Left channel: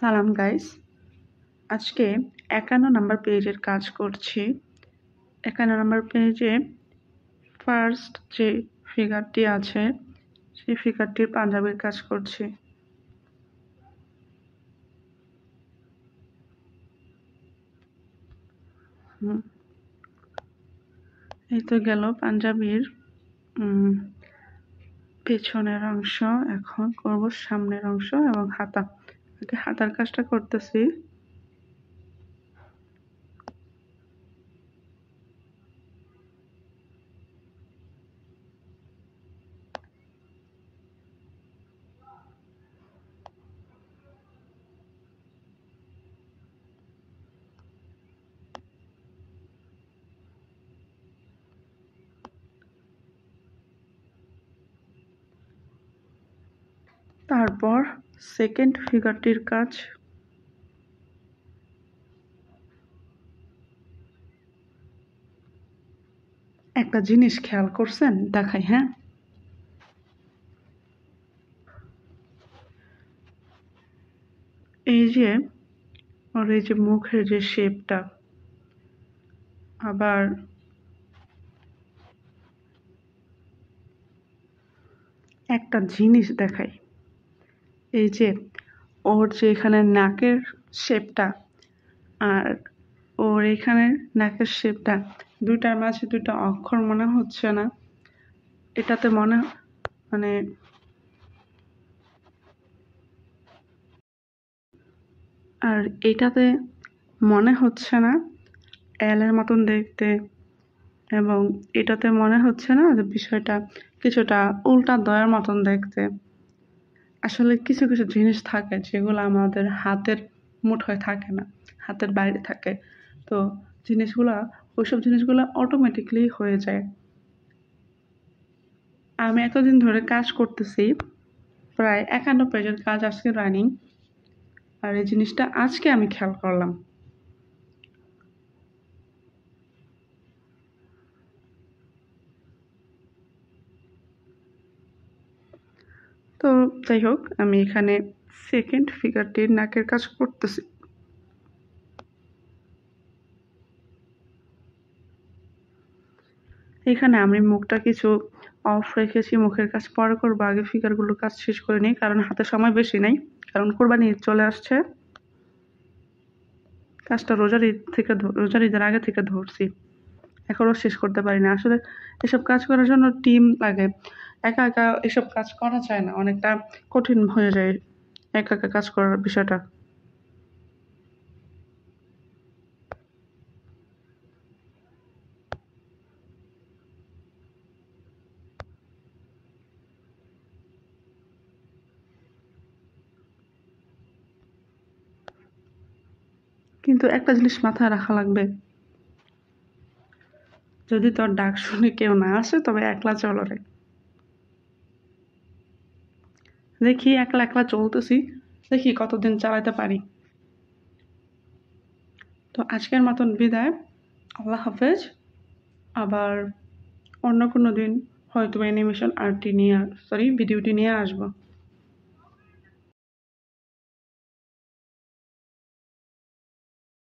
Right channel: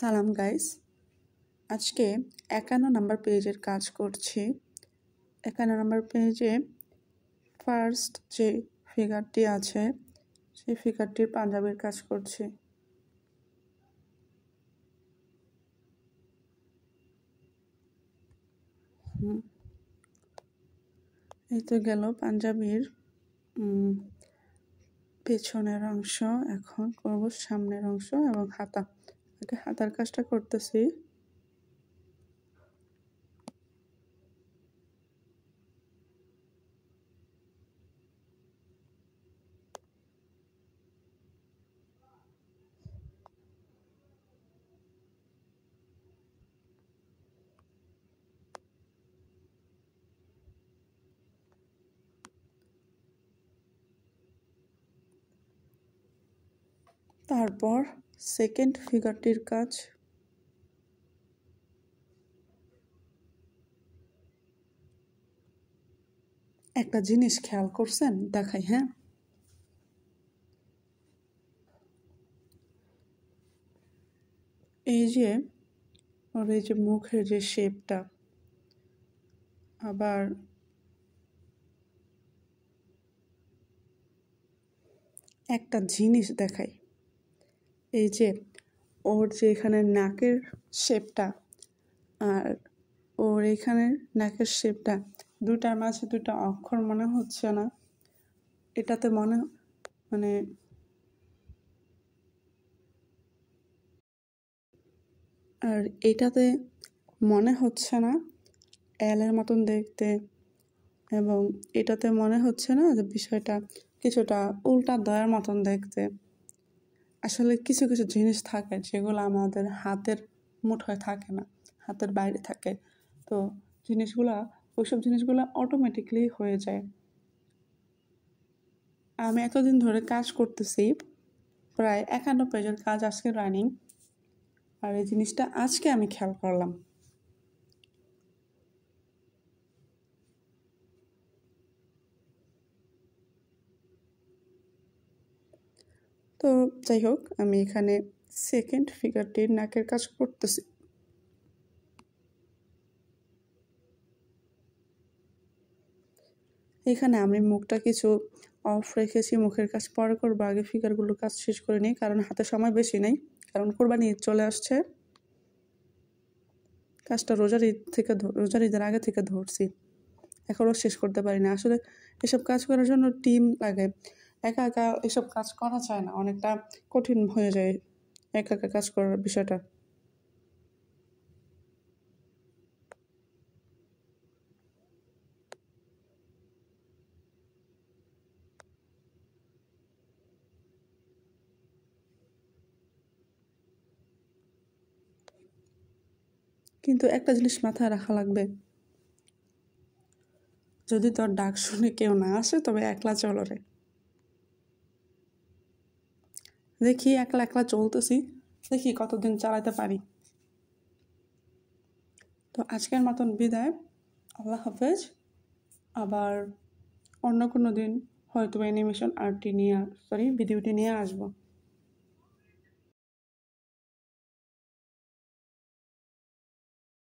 সালাম গাইস, আজকে 51 নম্বর পেজের কাজ করছি। 51 নম্বর পেজে ফার্স্ট যে ফিগারটি আছে সেই ফিগারটির পাঞ্জাবির কাজ করছি। এই তো গেল পাঞ্জাবির পেছনের অংশ। এখন করব সামনের অংশ এবং হাতা। আগে হাতার কাজটা করতেছি। তারপর সেকেন্ড ফিগারটির কাজ। একটা জিনিস খেয়াল করছেন, দেখাই। হ্যাঁ, এই যে ওর এই যে মুখের যে শেপটা, আবার একটা জিনিস দেখাই। এই যে ওর যে এখানে নাকের শেপটা আর ওর এখানে নাকের শেপটা, দুইটার মাঝে দুইটা অক্ষর মনে হচ্ছে না? এটাতে মানে আর এইটাতে মনে হচ্ছে না এলের মতন দেখতে, এবং এটাতে মনে হচ্ছে না যে বিষয়টা কিছুটা উল্টা দয়ের মতন দেখতে। আসলে কিছু কিছু জিনিস থাকে যেগুলো আমাদের হাতের মুঠোয় থাকে না, হাতের বাইরে থাকে। তো ওইসব জিনিসগুলো অটোমেটিকলি হয়ে যায়। আমি এতদিন ধরে কাজ করতেছি, প্রায় 51 পেজের কাজ আজকে রানিং, আর এই জিনিসটা আজকে আমি খেয়াল করলাম। তো যাই হোক, আমি এখানে সেকেন্ড ফিগারটির নাকের কাজ করতেছি। এখানে আমি মুখটা কিছু অফ রেখেছি, মুখের কাজ পরে করবো, আগে ফিগারগুলোর কাজ শেষ করে নিই, কারণ হাতে সময় বেশি নেই, কারণ কোরবানি ঈদ চলে আসছে। কাজটা রোজার ঈদের আগে থেকে ধরছি, এখনও শেষ করতে পারি না। আসলে এসব কাজ করার জন্য টিম লাগে, একা একা এসব কাজ করা যায় না, অনেকটা কঠিন হয়ে যায় একা একা কাজ করার বিষয়টা। কিন্তু একটা জিনিস মাথায় রাখা লাগবে, যদি তোর ডাক শুনে কেউ না আসে তবে একলা চলো রে। দেখি একলা একলা চলতেছি, দেখি কতদিন চালাতে পারি। তো আজকের মতন বিদায়, আল্লাহ হাফেজ। আবার অন্য কোনো দিন হয়তো অ্যানিমেশন ভিডিওটি নিয়ে আসবো।